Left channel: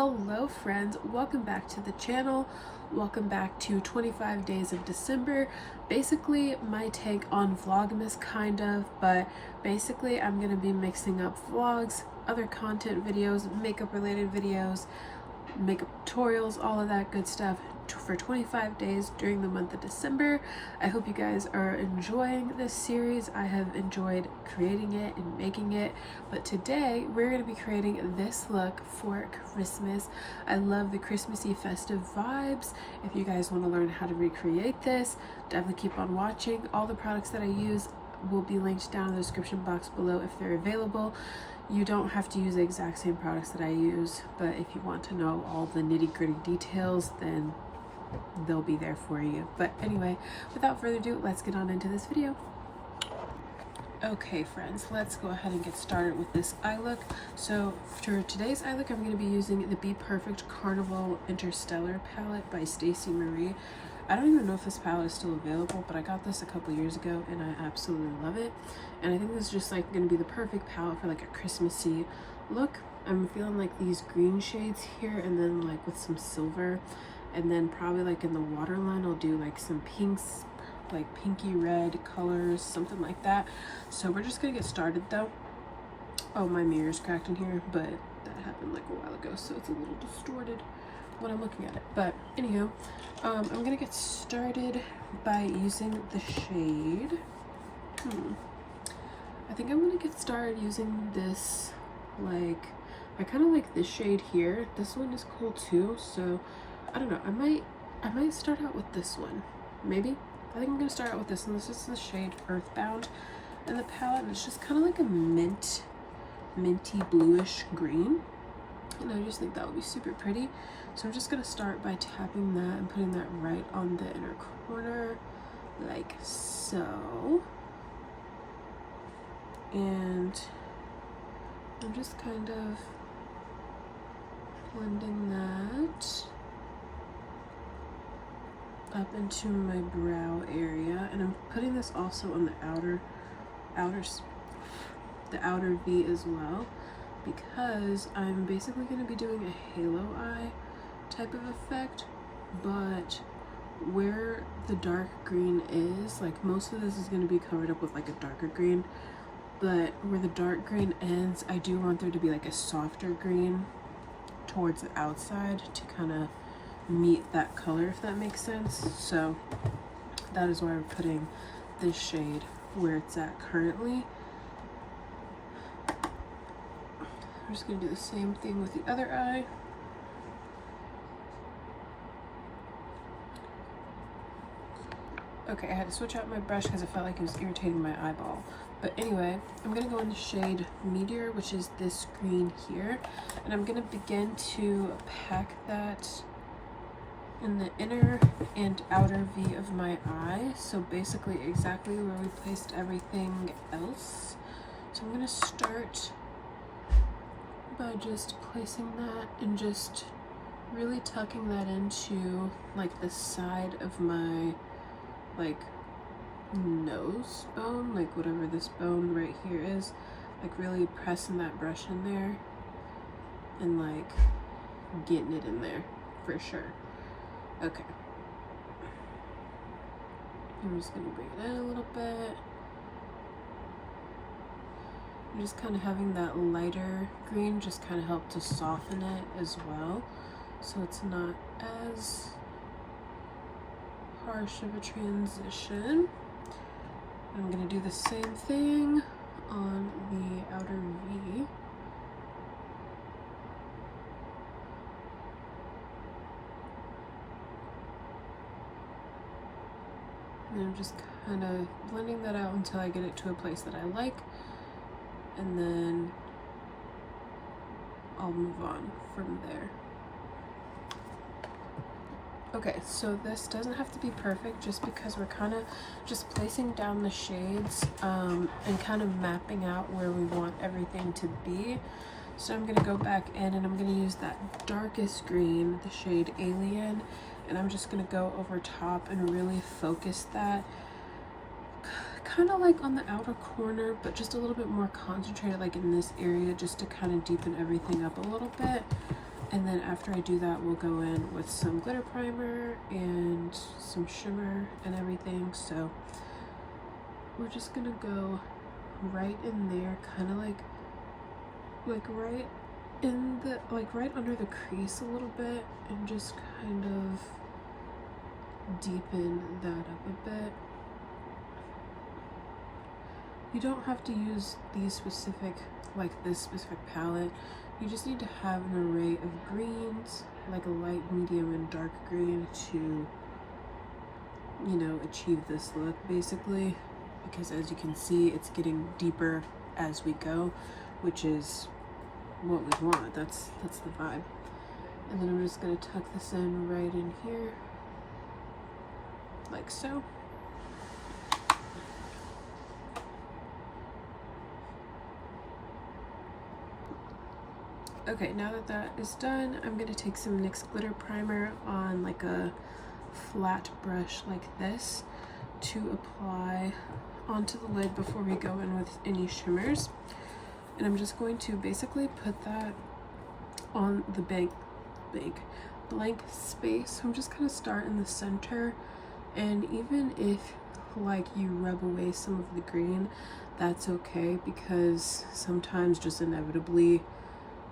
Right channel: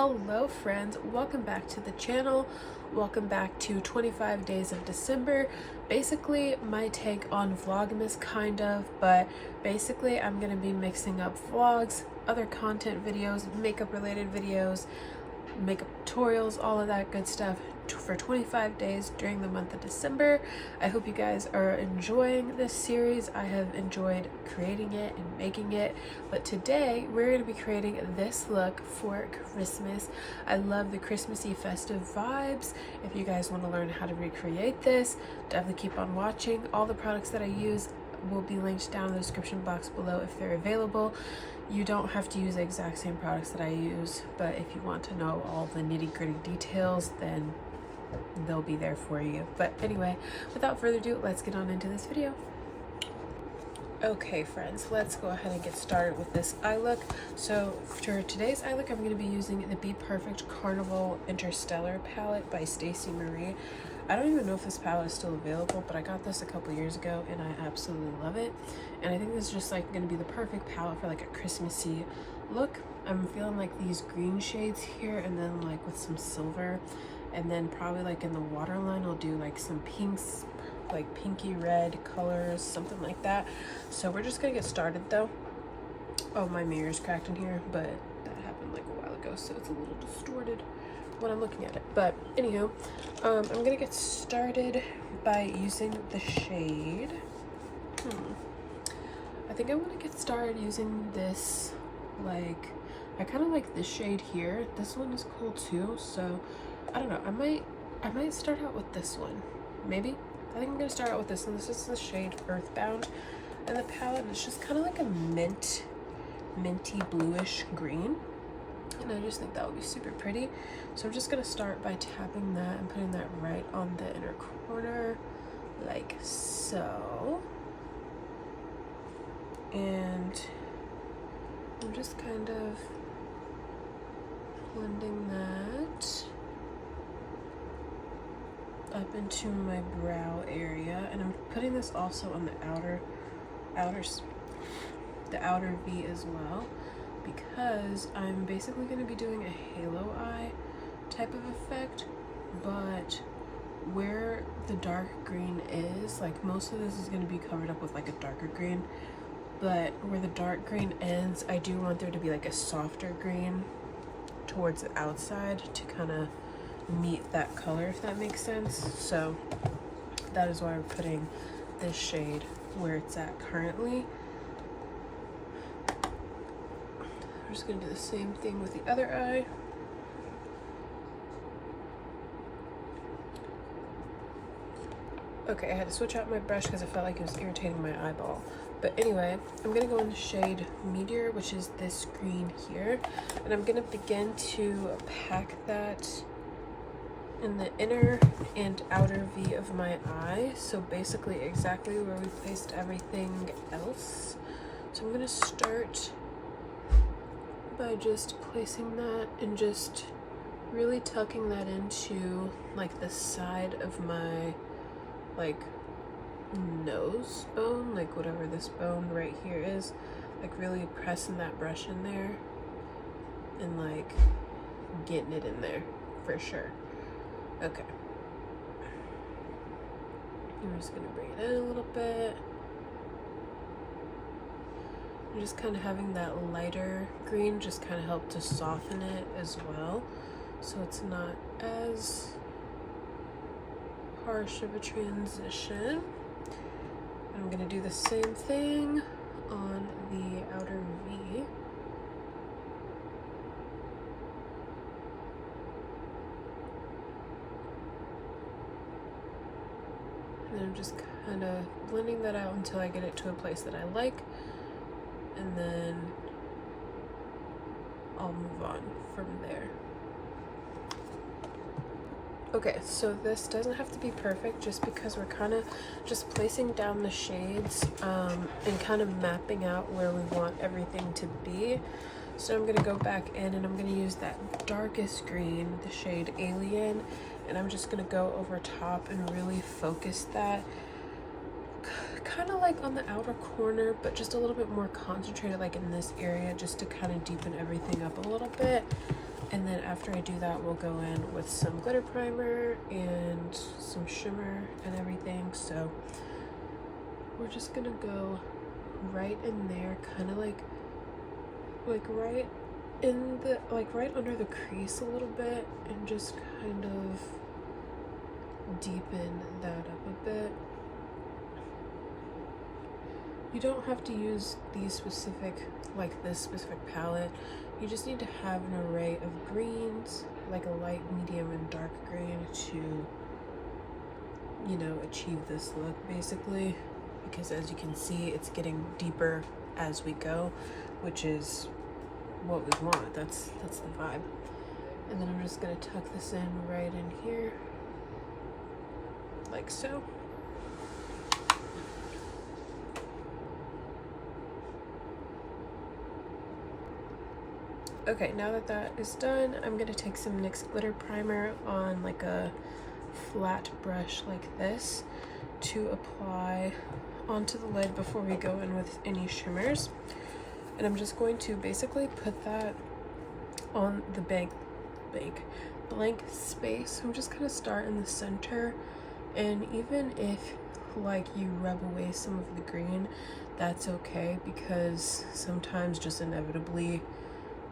Hello friends, welcome back to the channel. Welcome back to 25 days of December. Basically my take on Vlogmas kind of, but basically I'm going to be mixing up vlogs, other content videos, makeup related videos, makeup tutorials, all of that good stuff for 25 days during the month of December. I hope you guys are enjoying this series. I have enjoyed creating it and making it, but today we're going to be creating this look for Christmas. I love the Christmassy festive vibes. If you guys want to learn how to recreate this, definitely keep on watching. All the products that I use will be linked down in the description box below if they're available. You don't have to use the exact same products that I use, but if you want to know all the nitty-gritty details, then they'll be there for you. But anyway, without further ado, let's get on into this video. Okay friends, let's go ahead and get started with this eye look. So for today's eye look, I'm going to be using the Bperfect Carnival Interstellar palette by Stacey Marie. I don't even know if this palette is still available, but I got this a couple years ago and I absolutely love it. And I think this is just like going to be the perfect palette for like a Christmassy look. I'm feeling like these green shades here, and then like with some silver, and then probably like in the waterline I'll do like some pinks, like pinky red colors, something like that. So we're just gonna get started though. Oh, my mirror's cracked in here, but that happened like a while ago, so it's a little distorted when I'm looking at it. But anyhow, I'm gonna get started by using the shade. I think I'm gonna get started using this, like, I kind of like this shade here. This one is cool too, so I don't know, I might start out with this one, maybe. I think I'm gonna start out with this one. This is the shade Earthbound in the palette, and it's just kind of like a minty bluish green, and I just think that would be super pretty. So I'm just gonna start by tapping that and putting that right on the inner corner like so, and I'm just kind of blending that up into my brow area, and I'm putting this also on the outer V as well, because I'm basically going to be doing a halo eye type of effect. But where the dark green is, like, most of this is going to be covered up with like a darker green, but where the dark green ends, I do want there to be like a softer green towards the outside to kind of meet that color, if that makes sense. So that is why we're putting this shade where it's at currently. I'm just going to do the same thing with the other eye. Okay, I had to switch out my brush because I felt like it was irritating my eyeball. But anyway, I'm going to go in the shade Meteor, which is this green here, and I'm going to begin to pack that in the inner and outer V of my eye. So basically exactly where we placed everything else. So I'm going to start by just placing that and just really tucking that into like the side of my like nose bone, like whatever this bone right here is, like really pressing that brush in there and like getting it in there for sure. Okay, I'm just gonna bring it in a little bit. I'm just kind of having that lighter green just kind of help to soften it as well, so it's not as harsh of a transition. I'm gonna do the same thing on the outer V. And I'm just kind of blending that out until I get it to a place that I like, and then I'll move on from there. Okay, so this doesn't have to be perfect just because we're kind of just placing down the shades and kind of mapping out where we want everything to be. So I'm going to go back in and I'm going to use that darkest green, the shade Alien, and I'm just going to go over top and really focus that kind of like on the outer corner, but just a little bit more concentrated like in this area, just to kind of deepen everything up a little bit. And then after I do that, we'll go in with some glitter primer and some shimmer and everything. So we're just gonna go right in there, kind of like right in the, like right under the crease a little bit, and just kind of deepen that up a bit. You don't have to use these specific, like this specific palette. You just need to have an array of greens, like a light, medium, and dark green to, you know, achieve this look basically. Because as you can see, it's getting deeper as we go, which is what we want. That's the vibe. And then I'm just gonna tuck this in right in here, like so. Okay, now that that is done, I'm gonna take some NYX Glitter Primer on like a flat brush like this to apply onto the lid before we go in with any shimmers. And I'm just going to basically put that on the blank space. I'm just gonna start in the center, and even if like you rub away some of the green, that's okay, because sometimes just inevitably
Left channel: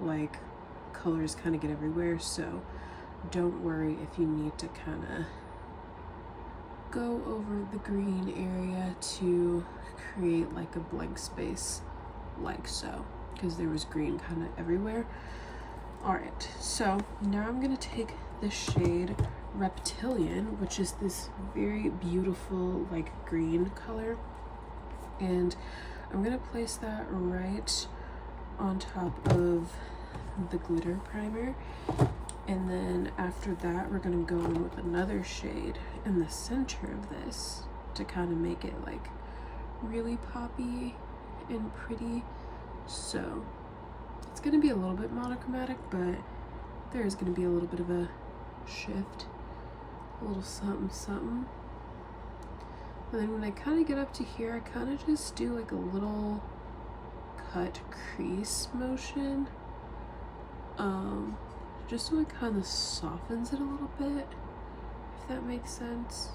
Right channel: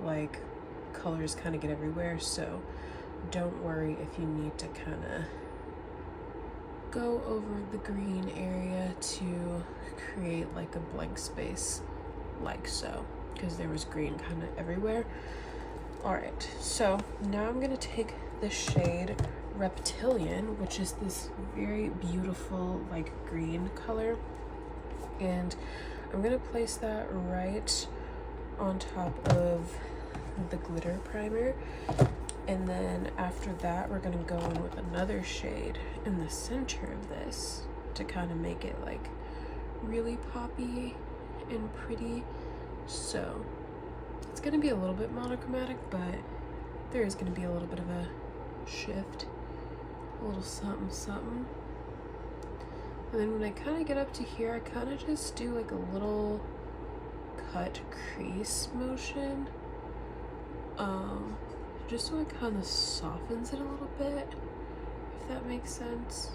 like colors kind of get everywhere. So don't worry if you need to kind of go over the green area to create like a blank space, like so, because there was green kind of everywhere. All right, so now I'm gonna take the shade Reptilian, which is this very beautiful like green color, and I'm gonna place that right on top of the glitter primer. And then after that, we're gonna go in with another shade in the center of this to kind of make it like really poppy and pretty. So it's gonna be a little bit monochromatic, but there is gonna be a little bit of a shift, a little something something. And then when I kind of get up to here, I kind of just do like a little cut crease motion, just so it kind of softens it a little bit, if that makes sense.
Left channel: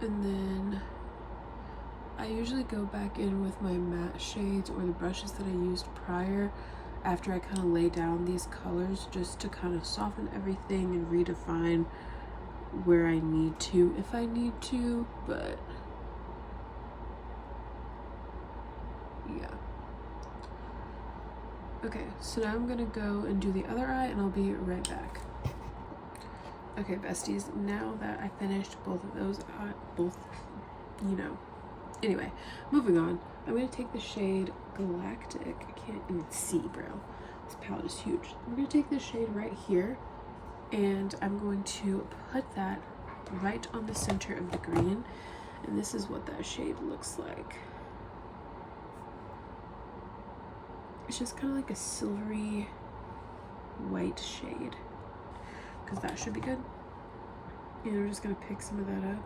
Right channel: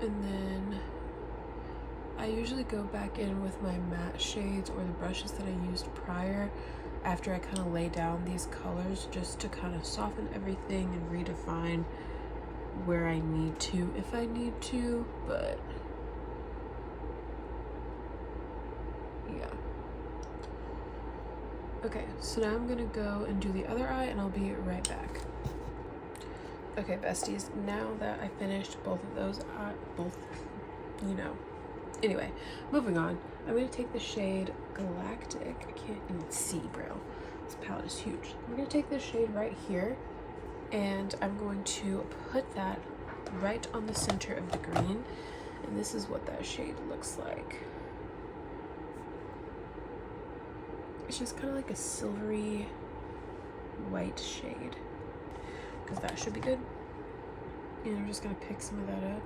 And then I usually go back in with my matte shades or the brushes that I used prior after I kind of lay down these colors, just to kind of soften everything and redefine where I need to, if I need to. But yeah. Okay, so now I'm gonna go and do the other eye, and I'll be right back. Okay, besties, now that I finished both of those, you know. Anyway, moving on. I'm gonna take the shade Galactic. I can't even see, bro. This palette is huge. I'm gonna take this shade right here, and I'm going to put that right on the center of the green. And this is what that shade looks like. It's just kind of like a silvery white shade, because that should be good. And I'm just gonna pick some of that up,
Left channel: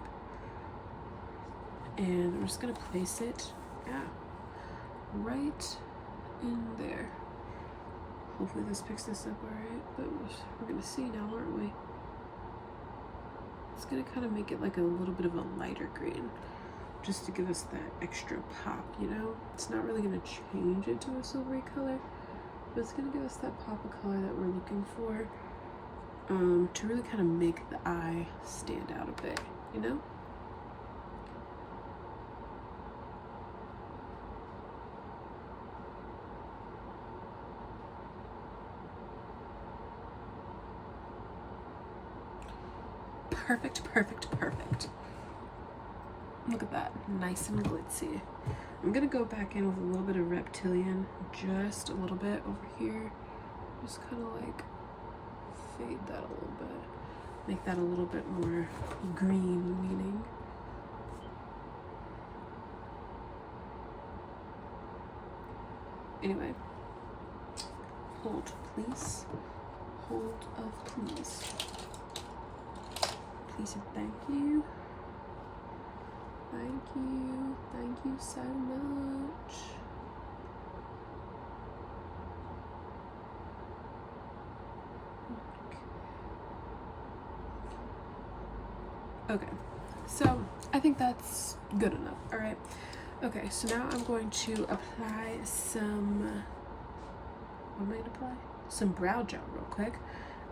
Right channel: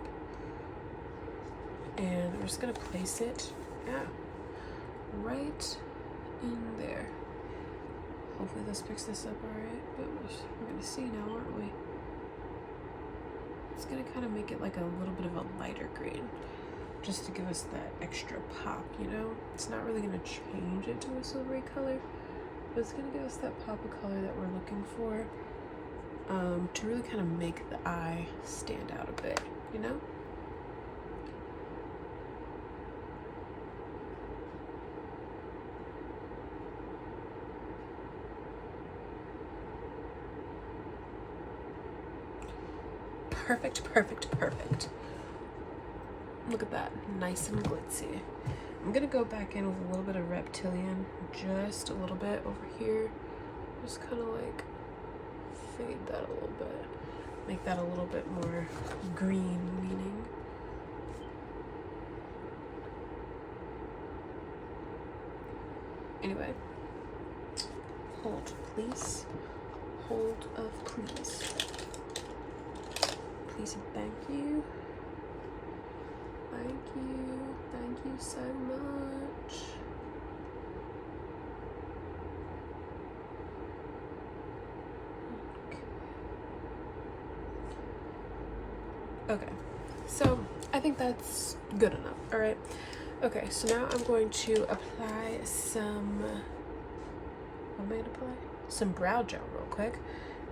and I'm just gonna place it, right in there. Hopefully this picks this up all right, but we're gonna see now, aren't we? It's gonna kind of make it like a little bit of a lighter green, just to give us that extra pop, you know? It's not really gonna change into a silvery color, but it's gonna give us that pop of color that we're looking for, to really kind of make the eye stand out a bit, you know? Perfect, perfect, perfect. Look at that, nice and glitzy. I'm gonna go back in with a little bit of Reptilian, just a little bit over here. Just kind of like fade that a little bit. Make that a little bit more green leaning. Anyway, hold please. Hold of please. Please and thank you. Thank you so much. Okay, so I think that's good enough. All right. Okay, so now I'm going to apply some, what am I gonna apply? Some brow gel real quick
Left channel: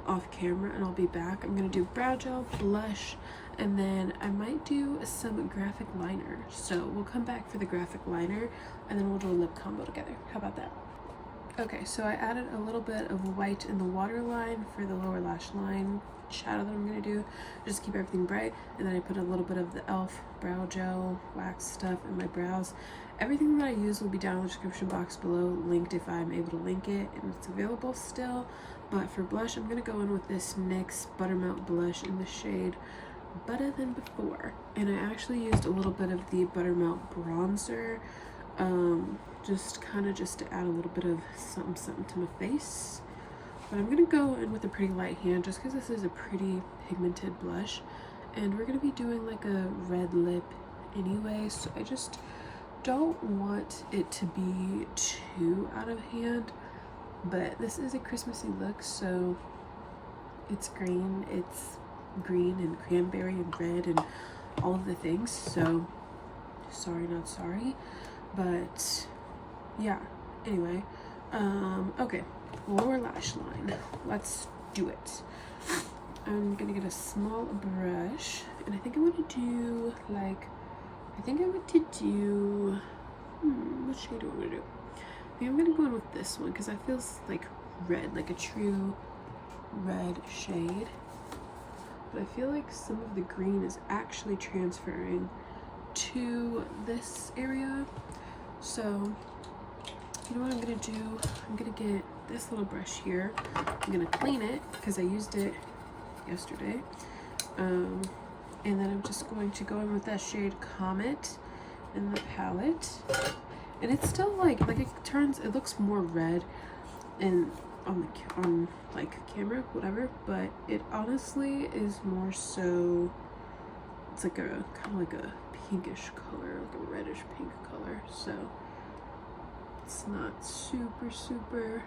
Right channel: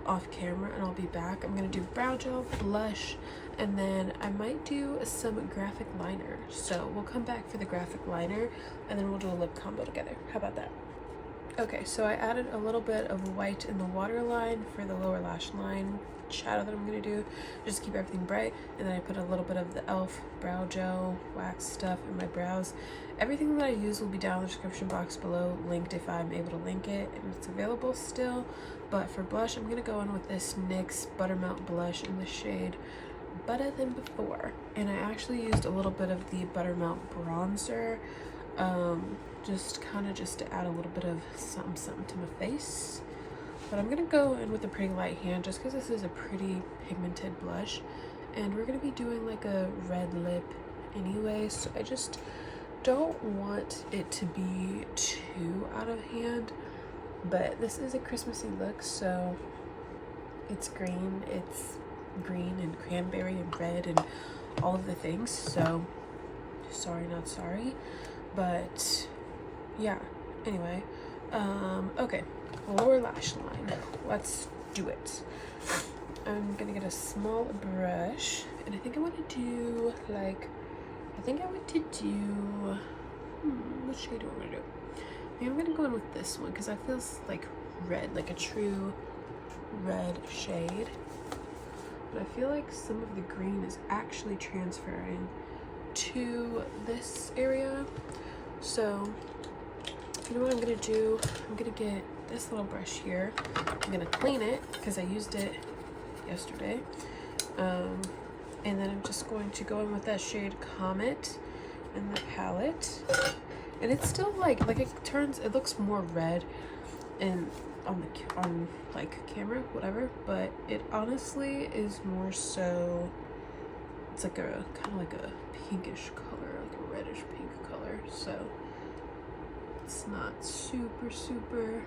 off camera, and I'll be back. I'm gonna do brow gel, blush, and then I might do some graphic liner. So we'll come back for the graphic liner, and then we'll do a lip combo together. How about that? Okay, so I added a little bit of white in the waterline for the lower lash line shadow that I'm gonna do, just to keep everything bright. And then I put a little bit of the e.l.f. brow gel wax stuff in my brows. Everything that I use will be down in the description box below, linked if I'm able to link it and it's available still. But for blush, I'm gonna go in with this NYX Buttermelt blush in the shade Butta Than Before. And I actually used a little bit of the Buttermelt Bronzer, just to add a little bit of something to my face. But I'm gonna go in with a pretty light hand just because this is a pretty pigmented blush, and we're gonna be doing like a red lip anyway, so I just don't want it to be too out of hand. But this is a Christmassy look, so it's green and cranberry and red and all of the things, so sorry not sorry. But yeah, anyway, okay, lower lash line, let's do it. I'm gonna get a small brush, and I think I want to do like, what shade do I want to do? Maybe I'm gonna go in with this one because that feels like red, like a true red shade. But I feel like some of the green is actually transferring to this area. So you know what I'm gonna do? I'm gonna get this little brush here. I'm gonna clean it because I used it yesterday. And then I'm just going to go in with that shade Comet in the palette. And it's still like it looks more red and on like camera, whatever, but it honestly is more so, it's like a kind of like a pinkish color, like a reddish pink color. So it's not super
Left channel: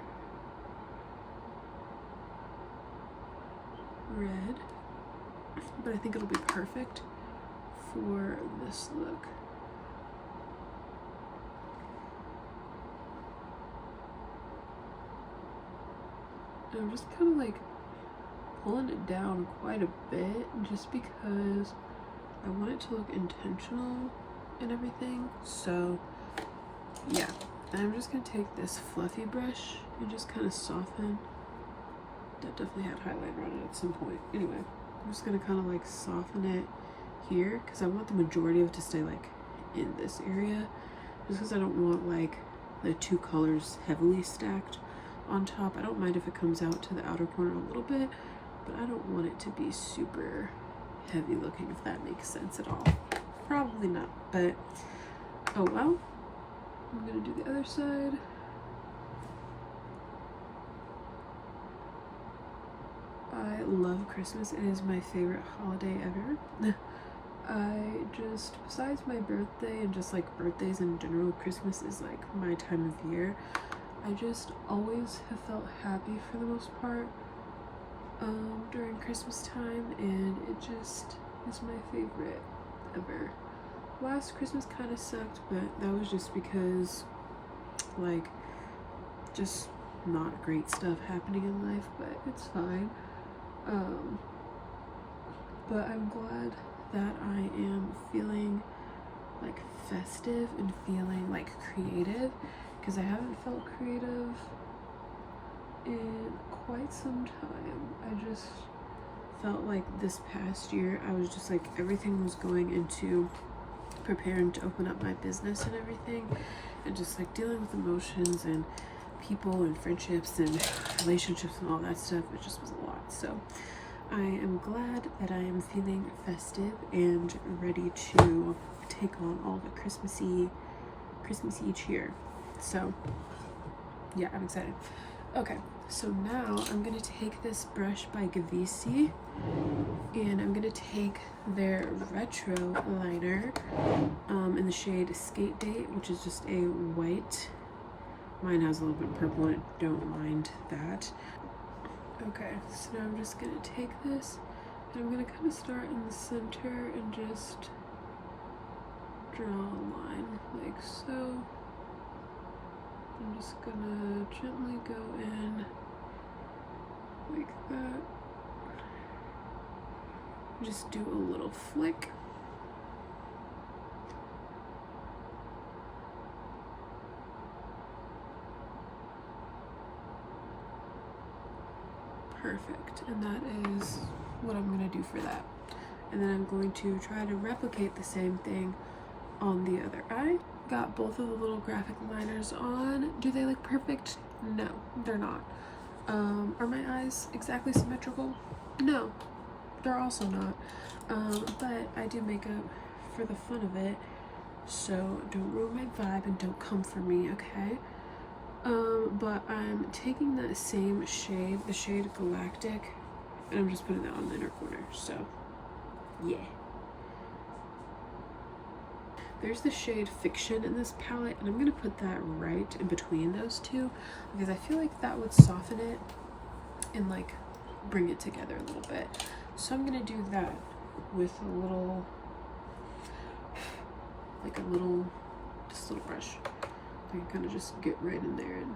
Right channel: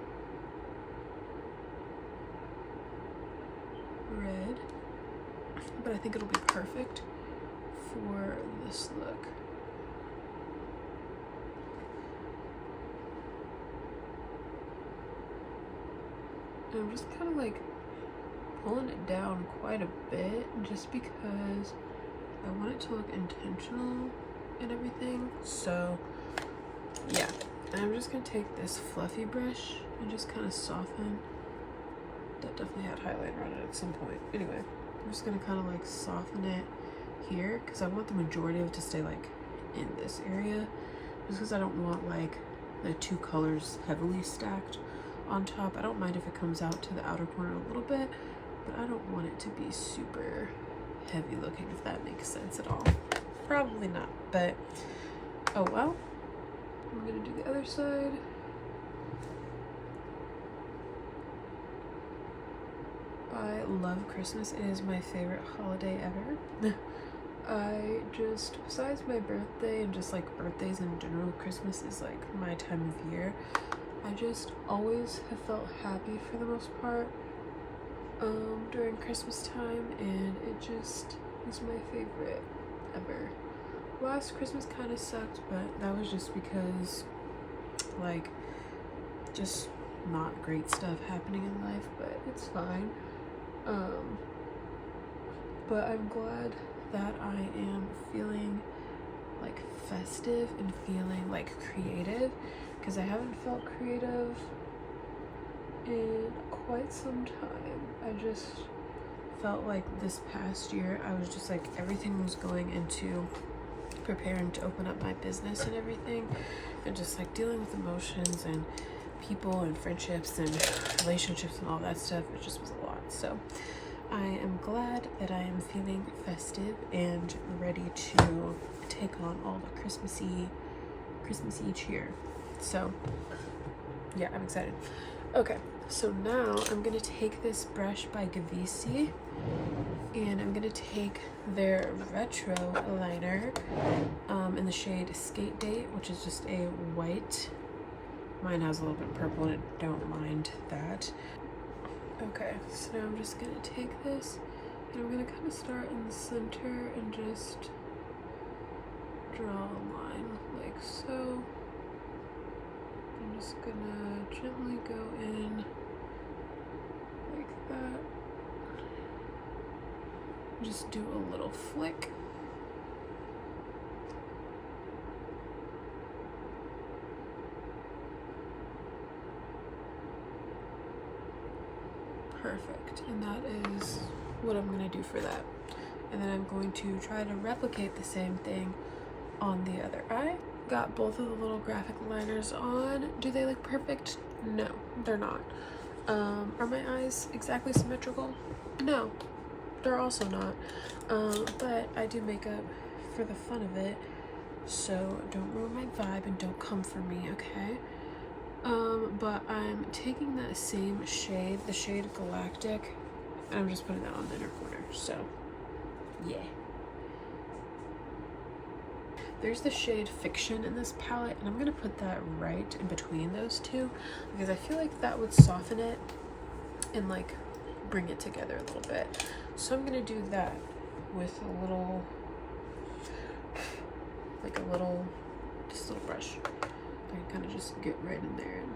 red, but I think it'll be perfect for this look. And I'm just kind of like pulling it down quite a bit just because I want it to look intentional and everything. So yeah, and I'm just gonna take this fluffy brush and just kind of soften. That definitely had highlighter on it at some point. Anyway, I'm just gonna kind of like soften it here because I want the majority of it to stay like in this area, just because I don't want like the two colors heavily stacked on top. I don't mind if it comes out to the outer corner a little bit, but I don't want it to be super heavy looking, if that makes sense at all. Probably not, but oh well. I'm gonna do the other side. I love Christmas. It is my favorite holiday ever. Besides my birthday and just like birthdays in general, Christmas is like my time of year. I just always have felt happy for the most part during Christmas time, and it just is my favorite ever. Last Christmas kind of sucked, but that was just because like just not great stuff happening in life, but it's fine. But I'm glad that I am feeling like festive and feeling like creative, because I haven't felt creative in quite some time. I just felt like this past year I was just like, everything was going into preparing to open up my business and everything, and just like dealing with emotions and people and friendships and relationships and all that stuff. It just was a lot. So I am glad that I am feeling festive and ready to take on all the Christmassy cheer. So yeah, I'm excited. Okay, so now I'm gonna take this brush by Gavissi, and I'm gonna take their Retro Liner in the shade Skate Date, which is just a white. Mine has a little bit of purple in it, don't mind that. Okay, so now I'm just gonna take this I'm gonna kind of start in the center and just draw a line like so. I'm just gonna gently go in like that. Just do a little flick. Perfect, and that is what I'm gonna do for that. And then I'm going to try to replicate the same thing on the other eye. Got both of the little graphic liners on. Do they look perfect? No, they're not. Are my eyes exactly symmetrical? No, they're also not. But I do makeup for the fun of it, so don't ruin my vibe and don't come for me, okay? But I'm taking that same shade, the shade Galactic, and I'm just putting that on the inner corner, so yeah. There's the shade Fiction in this palette, and I'm gonna put that right in between those two because I feel like that would soften it and like bring it together a little bit. So I'm gonna do that with a little, like a little, this little brush. I can kind of just get right in there and,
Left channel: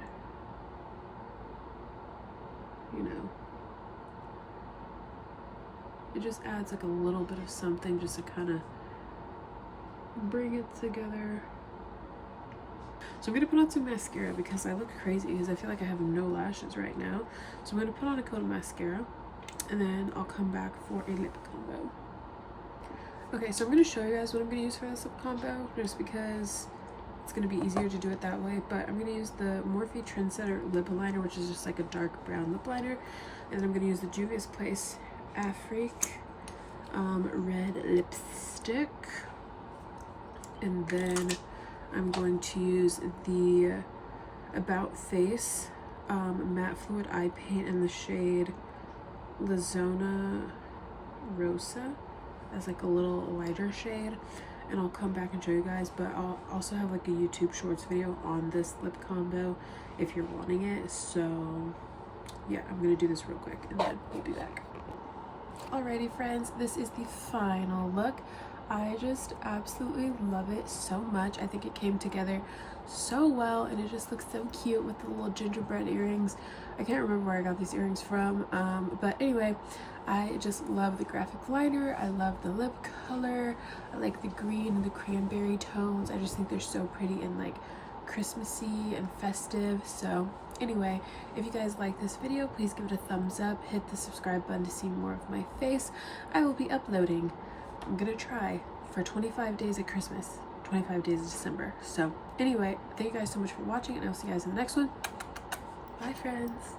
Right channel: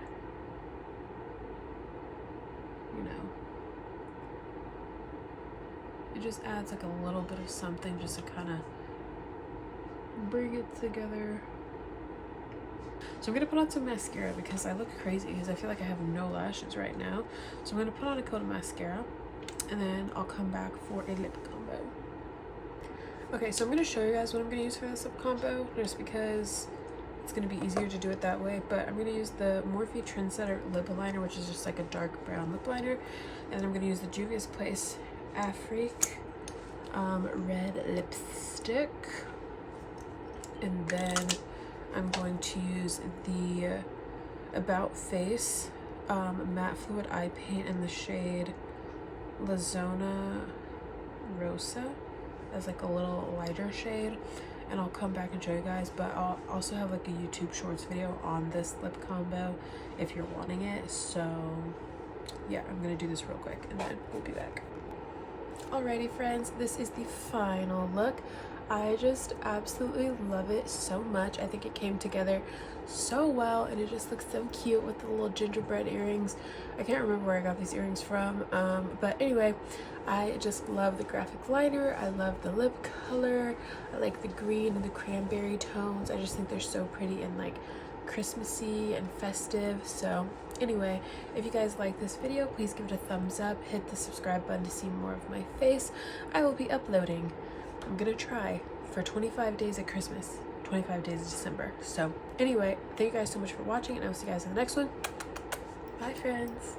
you know, it just adds like a little bit of something just to kind of bring it together. So I'm gonna put on some mascara because I look crazy because I feel like I have no lashes right now. So I'm gonna put on a coat of mascara and then I'll come back for a lip combo. Okay, so I'm gonna show you guys what I'm gonna use for this lip combo just because it's gonna be easier to do it that way. But I'm gonna use the Morphe Trendsetter lip liner, which is just like a dark brown lip liner, and then I'm gonna use the Juvias Place Afrik red lipstick, and then I'm going to use the About Face matte fluid eye paint in the shade Zona Rosa. That's like a little lighter shade, and I'll come back and show you guys, but I'll also have like a YouTube Shorts video on this lip combo if you're wanting it. So yeah, I'm gonna do this real quick and then we'll be back. Alrighty friends, this is the final look. I just absolutely love it so much. I think it came together so well and it just looks so cute with the little gingerbread earrings. I can't remember where I got these earrings from, but anyway, I just love the graphic liner. I love the lip color. I like the green and the cranberry tones. I just think they're so pretty and like Christmassy and festive. So anyway, if you guys like this video, please give it a thumbs up, hit the subscribe button to see more of my face. I will be uploading, I'm gonna try, for 25 days at Christmas, 25 days of December. So anyway, thank you guys so much for watching, and I'll see you guys in the next one. Bye friends.